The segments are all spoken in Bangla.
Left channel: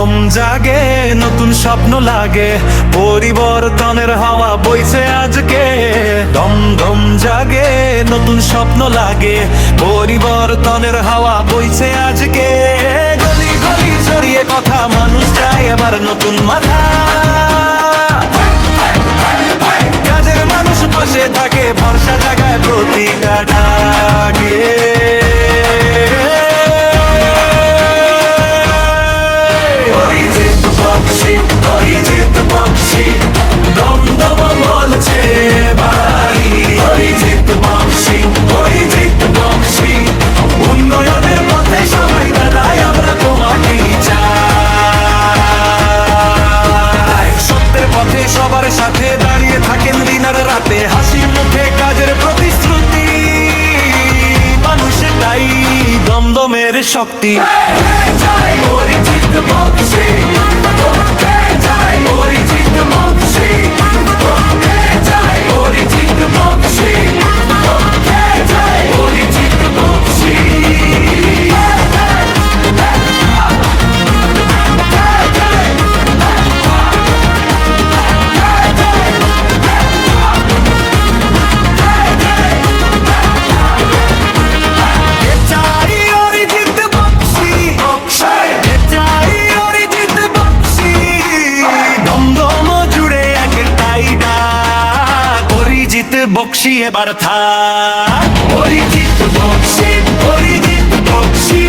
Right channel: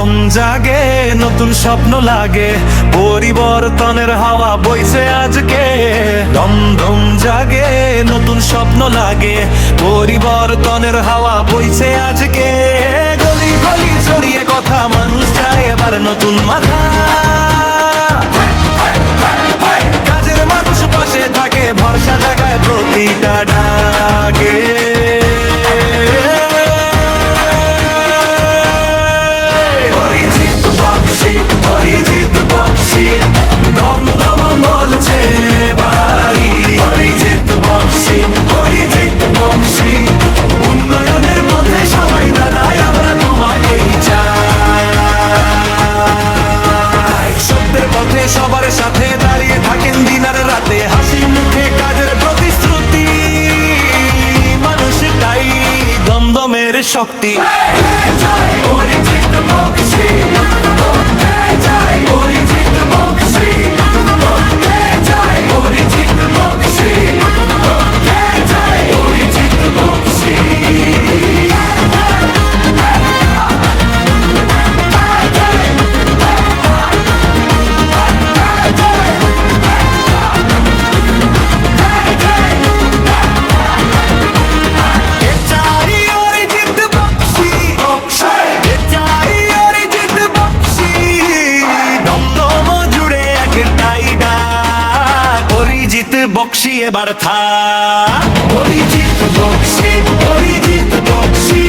দম জাগে, নতুন স্বপ্ন লাগে, পরিবর্তনের হাওয়া বইছে আজকে। দম দম জাগে, নতুন স্বপ্ন লাগে, পরিবর্তনের হাওয়া বইছে আজকে। গলি গলি ছড়িয়ে কথা, মানুষ চায় এবার নতুন মাথা। কাজের মানুষ পাশে থাকে, ভরসা জাগায় প্রতিটা ডাকে। অরিজিৎ বক্সী দমদম বলছে বাড়ি। অরিজিৎ বক্সী উন্নয়নের পথে সবাই দাদাই আমরা তোমাকেই চাই। সত্যের পথে সবার সাথে দাঁড়িয়ে থাকেন দিন আর রাতে, হাসি মুখে কাজের প্রতিশ্রুতি। মানুষটাই দমদমের শক্তি। অরিজিৎ বক্সী এবার থাক। অরিজিৎ বক্সী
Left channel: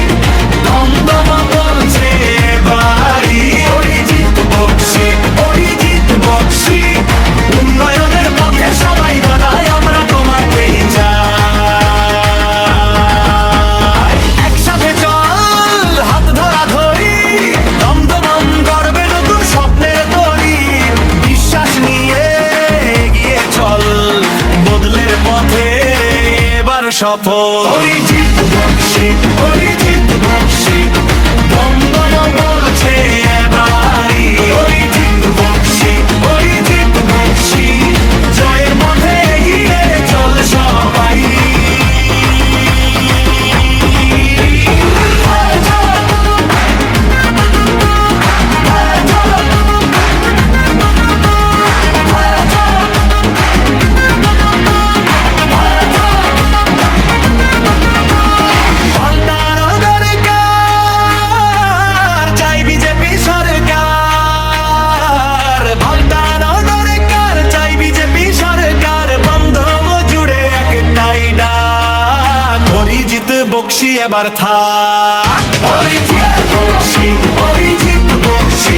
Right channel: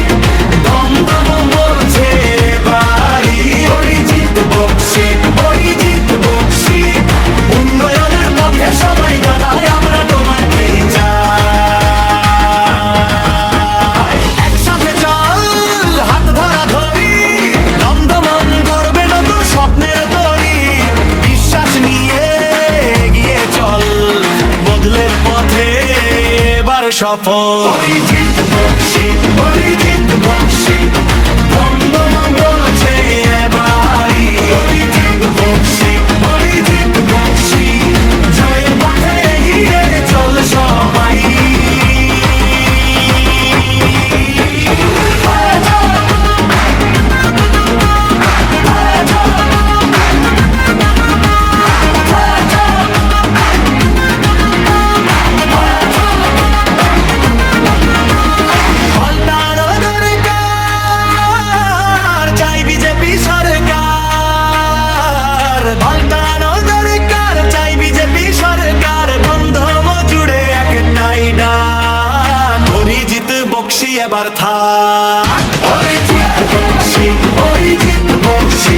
দমদম বলছে বাড়ি। অরিজিৎ বক্সী উন্নয়নের পথে সবাই দাদাই আমরা তোমাকেই চাই। একসাথে চল, হাত ধরা ধরি, দমদম গড়বে নতুন স্বপ্নের তরি। বিশ্বাস নিয়ে এগিয়ে চল, বদলের পথে এবার সফল। অরিজিৎ বক্সী দমদম বলছে এবারই। অরিজিৎ বক্সী জয়ের পথে এগিয়ে চল সবাই। সরকার পাল্টানো দরকার, চাই বিজেপি সরকার। দমদম জুড়ে একটাই ডাক, অরিজিৎ বক্সী এবার থাক। অরিজিৎ বক্সী